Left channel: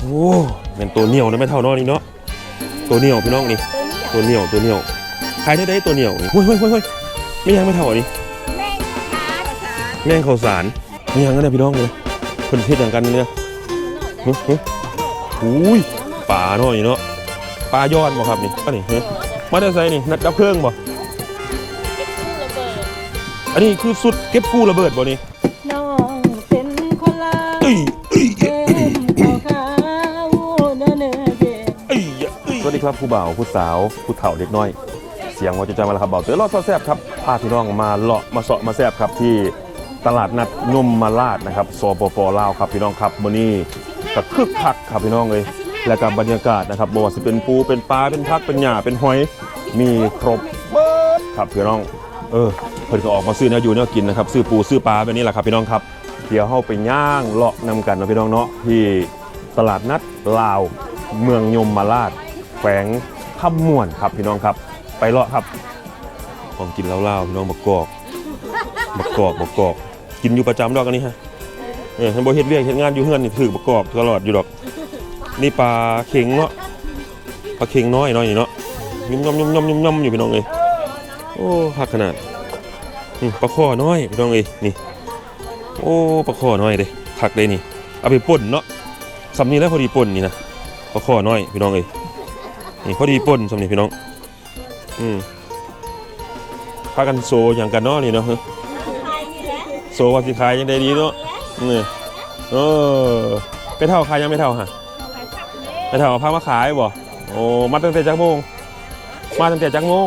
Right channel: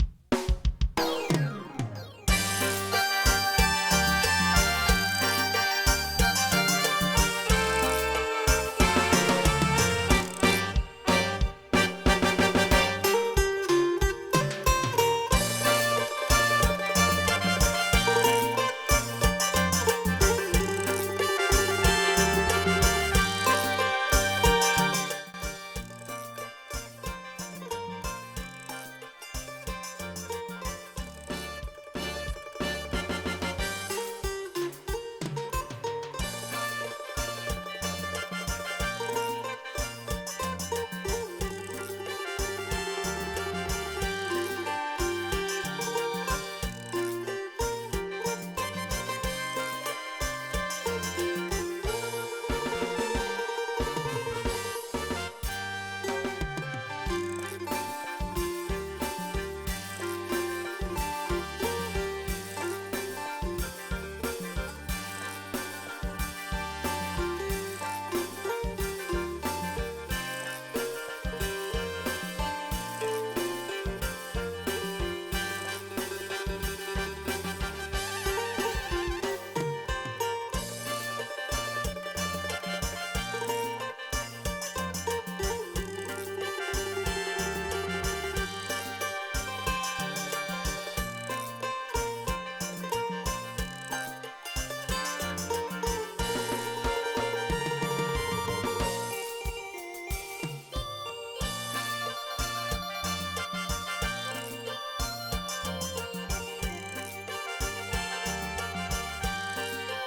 โอ้เป็นตัวเหนียวนะไม่เท่าน้อยนี่เนาะตัวเหนียวพี่น้องนี่ตัวเหนียวตัวเหนียวใครได้ได้ตัวเหนียวเฮ้ยเฮ้ยเฮ้ยไม่ยังไม่เท่าอันนี้แม่งข้าวสารไม่ยังกันนะพี่น้องเลยคนเพื่อนกันเนี่ยเฮ้ยเฮ้ยอุ้ยปลาเนาะนี่เนาะปลายอดบ่ครับนี่อันนี้เฮ้ยมาได้ใส่นี่นัดกับเครื่องบ่อันนี้คือสุดเก็บกู้ระเบิดบ่นี่ ครับผู้บ่าวผู้สาวผู้เฒ่าเด็กน้อย เสียงว่าจะจำมาแล้วครับเบาเต๋อรอดซอแซบครับพาพี่น้องมาเลาะมาเสาะมาแซบครับที่ตลาดนัดยมมาลาดนะครับสปปลาวครับพี่น้องครับมื้อนี้ก็คึกคักครับพี่น้องเลยและกับบรรยากาศนะครับบ่ว่าจะเป็นปูเป็นปลาเป็นพักเป็นหญ้าเป็นหอยมีครบเบิดครับพี่น้องเออเพิ่นก็ออกมาซื้อเนื้ออยู่เนื้อกินนะครับซื้อปูซื้อปลาแบบนี้แหละครับพี่น้องครับเดี๋ยวเฮาไปย่างเลาะนำกันนะพี่น้องเนาะที่ตลาดนัดลาวเมืองยมมาลาด แขวงขมม่วนครับพี่น้องครับ ไปเลาะครับของกินเล่าวๆพี่น้องมะกอกมะกอกมะกอก กินอยู่ประจำดอกอันนี้ฮะเออมันบ่เฮ็ดเวียกเฮ็ดงานอยู่เฮือนนี่ถือมะกอกตลอดอยู่ดอก นี่ปลาเข็งเนาะปลาเข็งน้อยเนาะนี่เนาะยุ่มยำยุ่มยำยุ่มยำอยู่พี่น้องเอ้ยโอ้หักขนาดนี่ปลาข้อน้อยพี่น้องเอ้ยนี่ โอ้ปลาข้อน้อยเด้หักเลยนี่เอาไปป่นเนาะสำนี้แล้วพอดีป่นนี่นะปลาข้อน้อยพี่น้องเอ้ย นี่พอดีป่นสำนี้พี่น้อง อืมพากันโซอย่างกันเนาะนี่เนาะโซว่าสิขายยังได้ดีเนาะนี่เออไม่เท่าขายยังไม่เท่าฮะไม่เท่าพามาขายบ่โอ้มาตั้งแต่จักโมง มาตั้งแต่จักโมง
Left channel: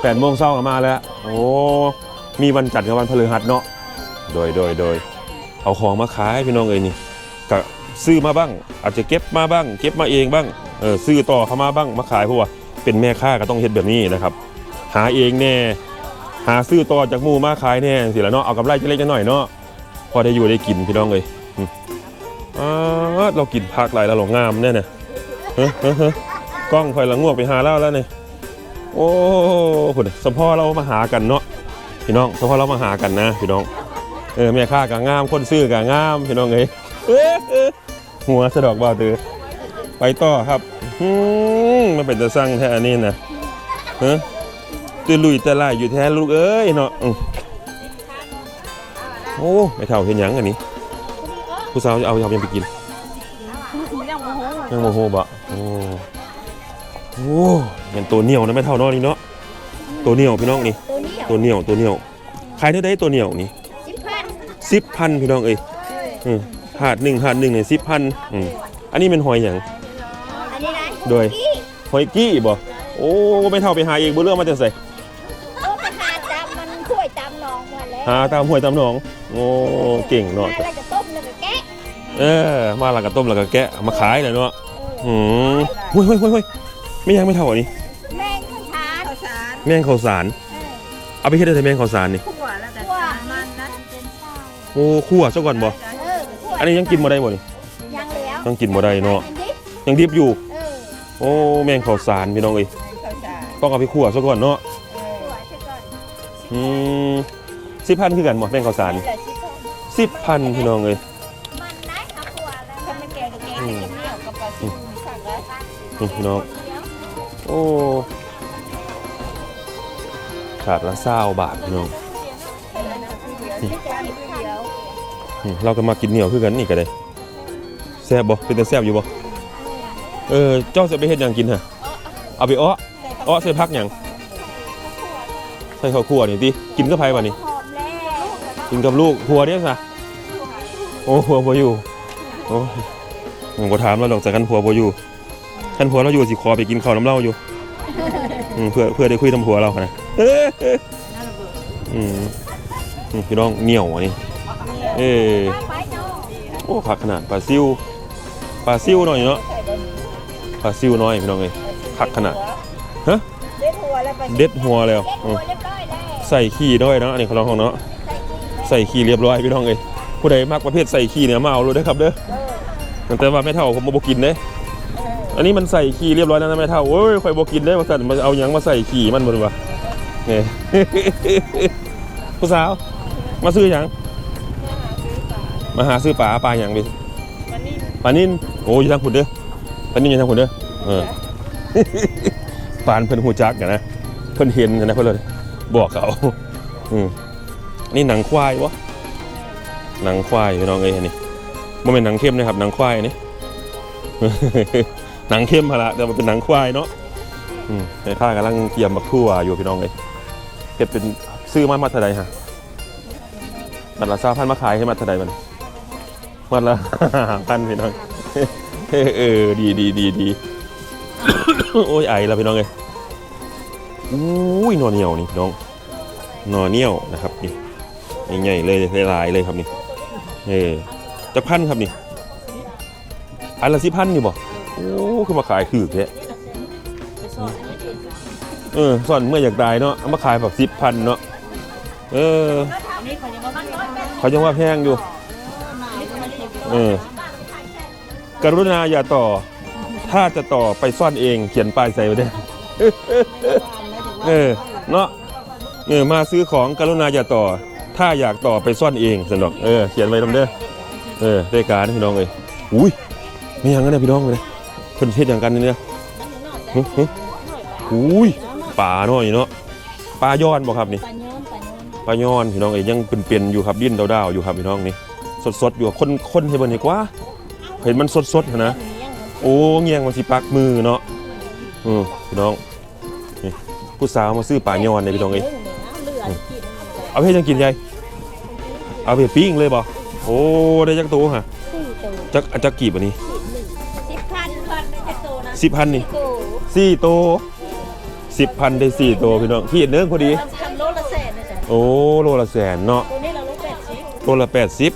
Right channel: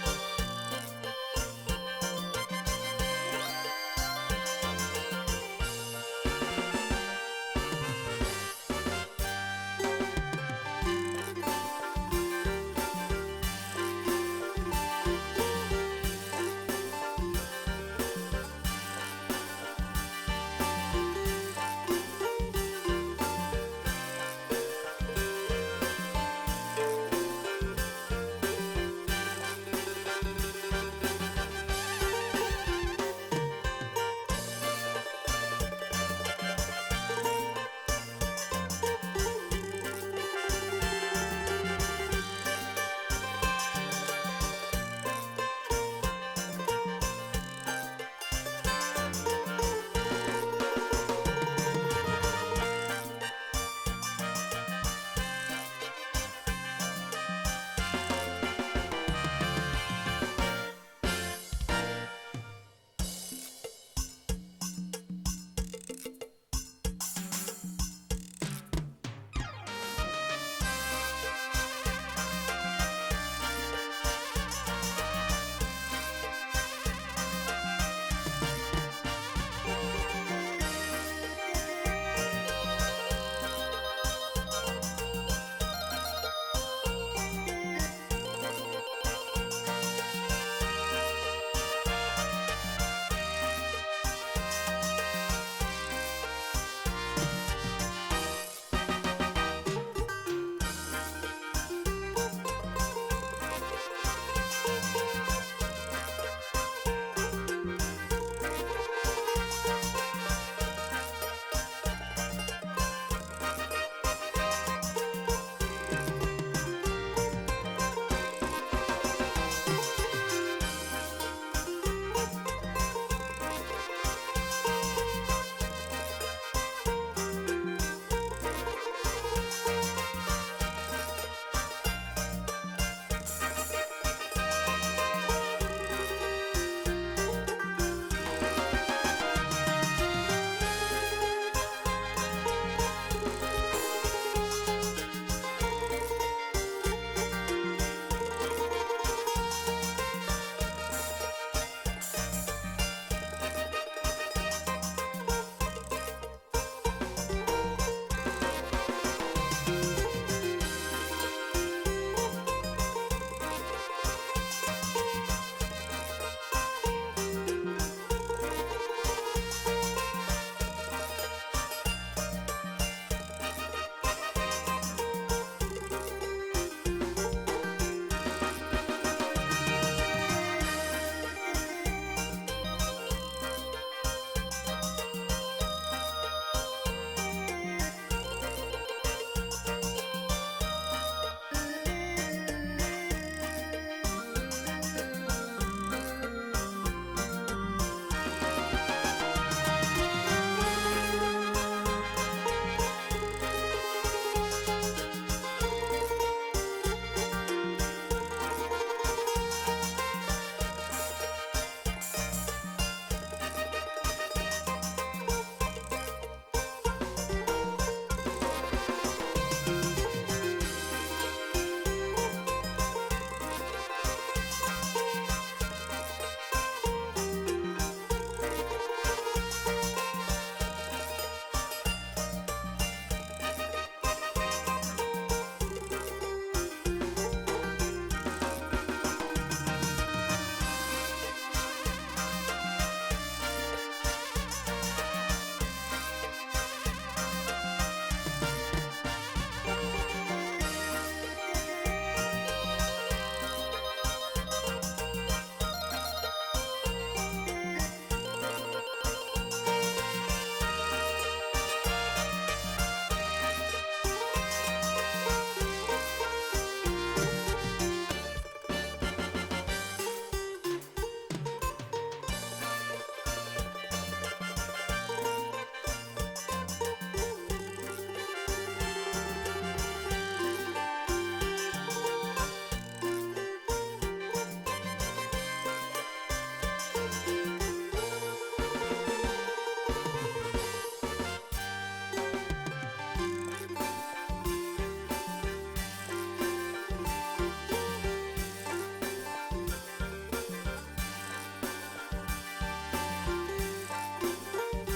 แปดโมงเช้าก็มาแล้ว โอ้มีวันจันทร์กับวันพฤหัสเนาะโดยโดยโดยเอาของมาขายพี่น้องเอ้ยนี่ก็ซื้อมาบ้าง อาจจะเก็บมาบ้าง เก็บมาเองบ้าง ออซื้อต่อเข้ามาบ้างมาขายเพราะว่าเป็นแม่ค้าก็ต้องเฮ็ดแบบนี้นะครับ หาเองแน่หาซื้อต่อจากหมู่มาขายแน่สิละเนาะเอากำไรจะเล็กจะหน่อยเนาะพอได้อยู่ได้กินพี่น้องเลยอ่าเรากินผักหลายแล้วหลงงามแน่เนี่ยเฮ้ยเฮ้ยเฮ้ยกล้องคอยละงวกไปหาเล่าแล้วเนี่ยโอ้ผุดสมพ่อเรามาหากันเนาะพี่น้องสมพ่อเรามาหากันนะพี่น้องเออแม่ค้าก็งามคนซื้อก็งามพี่น้องเลยเอ้ยหัวสะดอกบ่าตือไปต่อครับ อืมมันเป็นจะสร้างแท้อันนี้นะเฮ้ตื่นลุยแต่ลายอยู่แท้ลูกเอ้ยเนาะอืมโอ้ไม่เท่าเห็นหยังอันนี้ ผู้สาวจะเอาเอายังไปกินยังโมโหบะโอ้โอ้มันตัวเหนียวนะไม่เท่าน้อยนี่เนาะตัวเหนียวพี่น้องนี่ ตัวนี้ตัวเหนียวตัวเหนียวขายเท่าไดตัวเหนียวนี่สิบพันสิบพันพี่น้องเอ้ยอืมหาดหนึ่งหาดหนึ่งเนี่ยสิบพันอืมอันนี้เป็นหอยอย่างอันนี้นะ โดยหอยกี้บ่โอ้ไม่เท่าไปหาเองบ่เรื่องมาจะใส่โอ้ปัญหาจำมันช่วยจำน้องหมดแล้วหาตามห้วยตามหนอง โอ้เก่งเนาะแล้วจะต้มแล้วก็แกะเออมาหลังกระต้มหลังกระแกะมาขายเลยเนาะอืมเฮ้ยเฮ้ยเฮ้ยเฮ้ยไม่ยังไม่เท่าอันนี้แม่งทานข้าวสารแม่งข้าวสารเอาไปเฮ็ดได้แต่แม่งข้าวสารนี่คั่วแล้วแต่คั่วมันนะโอ้คั่วซะก่อนบ่เออคั่วอันนี้ยังกินบ่ได้บ่นี่ยังแล้วยังกินบ่ได้เนาะอันนี้ยังดิบอยู่ เออ โอ้แม่งข้าวสารพี่น้องเอ้ยข้าวสารต้องเอาไปคั่วซะก่อนเนาะอืมสิบพันคือกันหมดแม่งข้าวสารนี่สิบพันพี่น้องเอ้ยอืมนี่พี่น้องโอ้ขาดละเศร้าบาทพี่น้องอืมเราก็มากินเหนียวคือกันนี่ก็ได้แซ่บบ่เป็นแต่แซ่บอยู่บ่ เออเจ้าจะไปเฮ็ดหยังกินฮะเอาไปอ้ออ้อใส่พักหยังใส่ข้าวคั่วนี่ติกินกับไผบ่นี่กินกับลูกผัวเนี่ยซะโอ้ผัวบ่อยู่โอ้ผมบ่ถามแล้วดอกจากกันผัวบ่อยู่คันผัวเราอยู่สิขอไปกินข้าวน้ำเหล้าอยู่อืมเพื่อเพื่อได้คุยน้ำผัวเรานะเอ้ยอืมอืมพี่น้องเหนียวอันนี้เอ้ยโอ้ผักขนาดปลาซิวปลาซิวหน่อยเนาะ ปลาซิวน้อยพี่น้องเอ้ยผักขนาดเด็ดหัวแล้วก็เด็ดหัวแล้วอืมเรียบร้อยแล้วใส่ขี้ด้วยเนาะอันนี้ของเราของเนาะใส่ขี้เรียบร้อยพี่น้องเอ้ยผู้ใดมักประเภทใส่ขี้เนี่ยมาเอาเลยนะครับเด้อแต่ว่าไม่เท่าผมบ่กินเด้อันนี้มันใส่ขี้เรียบร้อยแล้วนะไม่เท่าโอ้ยไฟบอกกินได้มาสั่นมาเอาหยังมาใส่ขี้มันมันวะเนี่ยผู้สาวมาซื้อหยังมาหาซื้อปลาปลาหยังดิวันนี้ปลานินโอ้ยทางขุดเด้อ ปลานินอยู่ทางขุดเด้อเออฟานเพิ่นหูจักกันนะเพิ่นเห็นกันนะเพิ่นเลยบอกเขาอืมนี่หนังควายวะหนังควายพี่น้องเอ้ยอันนี้มันเป็นหนังเข้มนะครับหนังควายอันนี้หนังเข้มฮะละแต่มันเป็นหนังควายเนาะอืมในท่ากำลังเกี่ยมบักทั่วอยู่พี่น้องเลยเก็บเป็นซื้อมามาเท่าไรฮะบัตรละเศร้าพันมาขายให้มาเท่าไรมันมันละพันพี่น้อง เออดีดีดีดีโอ้ยไอแล้วพี่น้องเลยอุ้ยหนอนเหนียวนี่น้องหนอนเหนียวนะครับนี่ใหญ่ๆเลยหลายๆเลยครับนี่เออจะพันครับนี่อันละสิพันนี่บ่โอ้คือมาขายถือแค่เออก่อนเมื่ออยากตายเนาะเอามาขายแบบสิบพันเนาะเออเขายังว่าแพงอยู่เออ กรุณาอย่าต่อ ถ้าจะต่อไปซ่อนเองเขียนป้ายใส่ไว้ได้วยเออเนาะเออมาซื้อของกรุณาอย่าต่อ ถ้าอยากต่อไปซ่อนเองสนอกเออเขียนไว้ทำเด้อเออรายการพี่น้องเลยอุ้ยนี่ยังไงเนี่ยพี่น้องเลยเพิ่นเทศอย่างกันนี่นี่ยหึหึอุ้ยป่าน่อยเนาะปลาย้อนบ่ครับนี่ปลาย้อนพี่น้องเอ้ยยังเป็นๆอยู่ครับดิ้นดาวๆอยู่ครับพี่น้องนี่สดๆอยู่คนคนให้เบิ่งดีกว่า เห็นมันสดๆนะ โอ้เงียงมาสิปักมือเนาะอือพี่น้องนี่ผู้สาวมาซื้อป่ายอนเลยพี่น้องเอ้ยเอาไปให้ยังกินยายเอาไปปิ้งเลยบ่โอ้ได้จักตัวฮะจักจักกี่ปะนี่สิบพันพันไอโซนะสิบพันนี่โอ้สี่ตัวสิบพันได้สี่ตัวพี่น้องพี่เห็นเนื้อพอดี ทำโลละแสนนะจ๊ะโอ้โลละแสนเนาะตัวนี้เราลดแปดสิบโลละแปดสิบ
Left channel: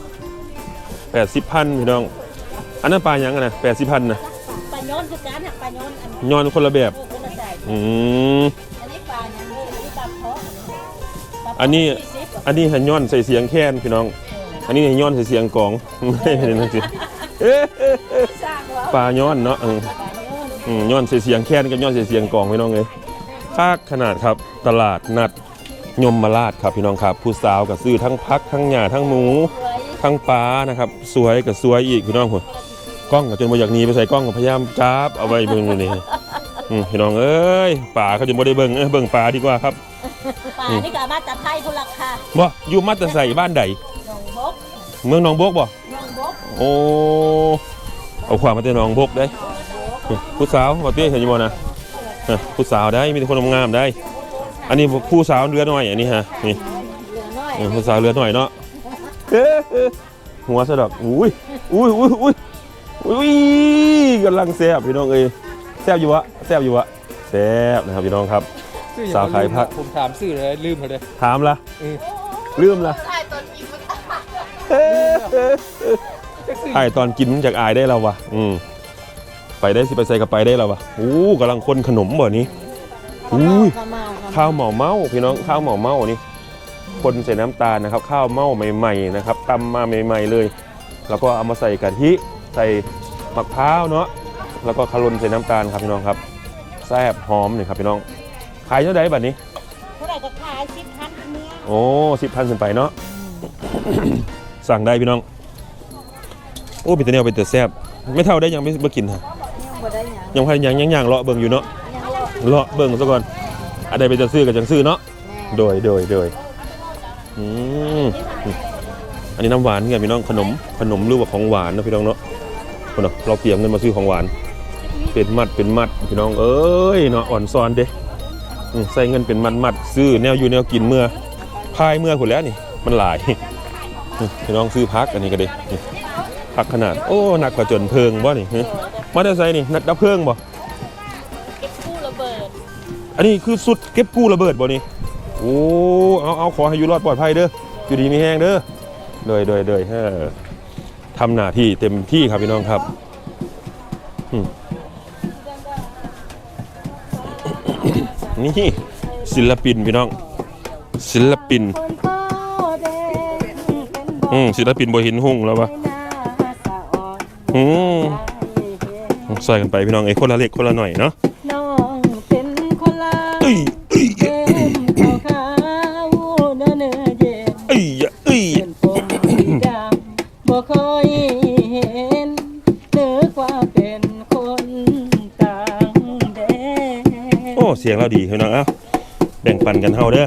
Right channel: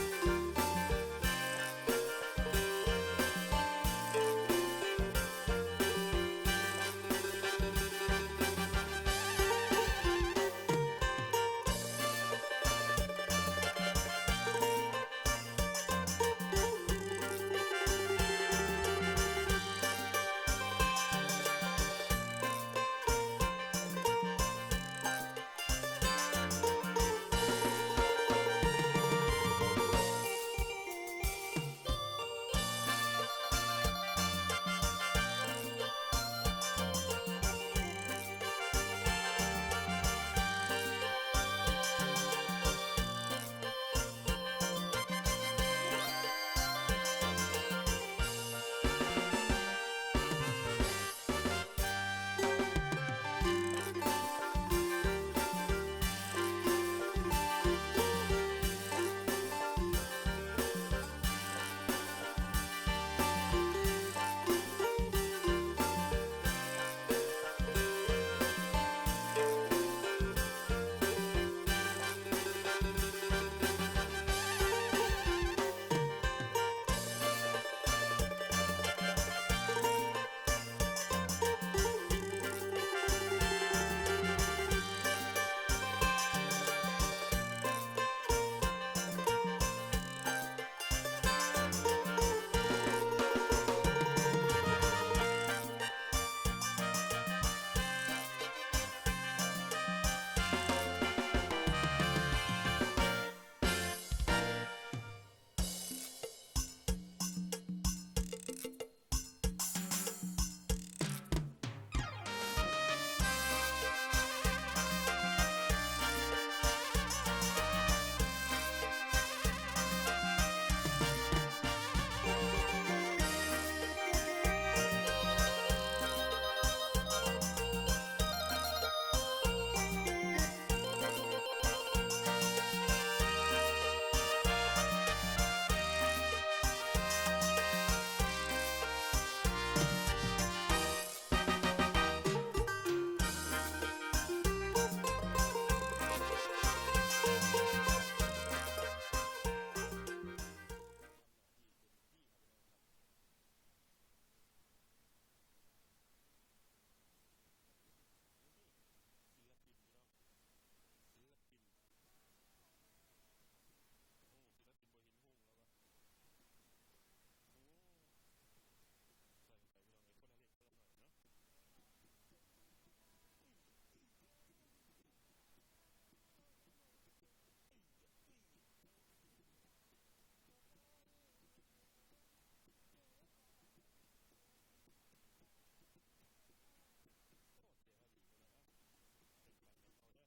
แปดสิบพันพี่น้อง อันนั้นปลาหยังกันนะแปดสิบพันนะปลาย้อนคือการหักปลาย้อนย้อนคนละแบบคนละใจอืม อันนี้ปลาย้อนอันนี้ปลาอันนี้ อันนี้หันย้อนใส่เสียงแค้นพี่น้อง อันนี้หันย้อนใส่เสียงกลอง ไม่เห็นนั่นสิเอ๊ะสร้างเหรอปลาย้อนเนาะเอออืมย้อนใส่เสียงแค้นกับย้อนใส่เสียงกลองพี่น้องเลยค่าขนาดครับตลาดนัดยมมาลาดครับพี่น้องครับ ผู้สาวกับซื้อทั้งพักทั้งหญ้าทั้งหมู ทั้งปลานะครับ สวยกับสวยอีกพี่น้องหัว กล้องกับจนบ่อยากหนีไปใส่กล้องกับพยายามจับเอาไว้เบิ่งอยู่นี่อืมพี่น้องเอ้ยป่าเขาจะบ่ได้เบิ่งเอ้ยเบิ่งปลาดีกว่าครับปลานี่ก็มาจากไทยคนละค่ะบ่อยู่มัตตใส่บ้านใดหนองบกเมืองหนองบกบ่หนองบกโอ้เอาความมาแต่หนองบกได้ผู้สาวบ่เตี้ยเห็นอยู่บ่นะเออผู้สาวได้มีแต่คนงามๆได้ อันนี้ผู้สาวเรือน้อยอันนี้ฮะนี่เหลือน้อยเออผู้สาวเรือน้อยเนาะเอ๊ะเอ๊ะหัวสะดอกอุ้ยอุ้ยอุ้ยอุ้ย อุ้ยกำลังแซ่บพี่น้องเอ้ยแซ่บอยู่วะแซ่บอยู่วะแซ่บนะครับพี่น้องครับสาวขายผัก ผมถามชื่อเลยลืมไปเลย ถามละเออ ลืมละเอ๊ะเอ๊ะไอตอนกินจากอายได้แล้ววะอืมไปได้สิไปใส่กับไปได้แล้ววะอู้กำลังคนขนมบ่นี้อุ้ยมามาข้าวเหมาเมาพี่น้องข้าวเหมาเมานี่คนใส่น้ำตาลนะครับ ข้าวเมาใหม่ ๆ นะครับตำมาใหม่ ๆ เลย แล้วก็เอามาใส่กะทิ ใส่มะพร้าวเนาะแล้วก็คารุนใส่น้ำตาลครับพี่น้องครับแซ่บหอมนี่ครับพี่น้องขายเท่าไหร่บัดนี้เท่าไหร่ก็ขายสิบพันนี้โอ้สิบพันขึ้นไปเนาะสั่งได้พี่น้อง โอ้เป็นตัวเนียวเป็นตัวแซ่บไม่เท่าได้ยังไม่ไม่กินฮะยังบ่ได้หยังยังพันยังยังยังเลาะเบิ่งอยู่เนาะยังรอเลาะเบิ่งซะก่อนอะไรไปจะซื้อกับจังซื้อเนาะโดยโดยโดยอืมอันนี้น้ำหวานเนี่ยพี่น้องขนมขนมหรือว่าของหวานนะพี่น้องเนาะ คนเนาะเราเตรียมเงินมาซื้อของหวาน เป็นมัดเป็นมัดพี่น้องเอ้ยเนาะอ่อนซ้อนเด้อืมใส่เงินเป็นมัดมัดซื้อแนวอยู่แนวกินเมื่อพายเมื่อคนแล้วนี่ มันหลายอืมพี่น้องซื้อพักอันนี้ก็ดีนี่พักขนาดโอ้หนักกว่าจนเพลิงบ่นี่ฮะมาได้ใส่นี่นักดับเพลิงบ่กู้ระเบิดอันนี้คือสุดเก็บกู้ระเบิดบ่นี่โอ้เอาเอาขอให้อยู่รอดปลอดภัยเด้ออยู่ดีมีแห้งเด้อโดยโดยโดยเออ ทำหน้าที่เต็มที่ครับพี่น้องครับนี่ศิลปินพี่น้อง ศิลปิน อืมศิลปินบ่เห็นหุ่งแล้ววะหน้าสะอ่อนอืมใส่กันไปพี่น้องไอ้คนละเล็กคนละหน่อยเนาะ พี่น้องเอ้าแบ่งปันกันเฮาเด้อ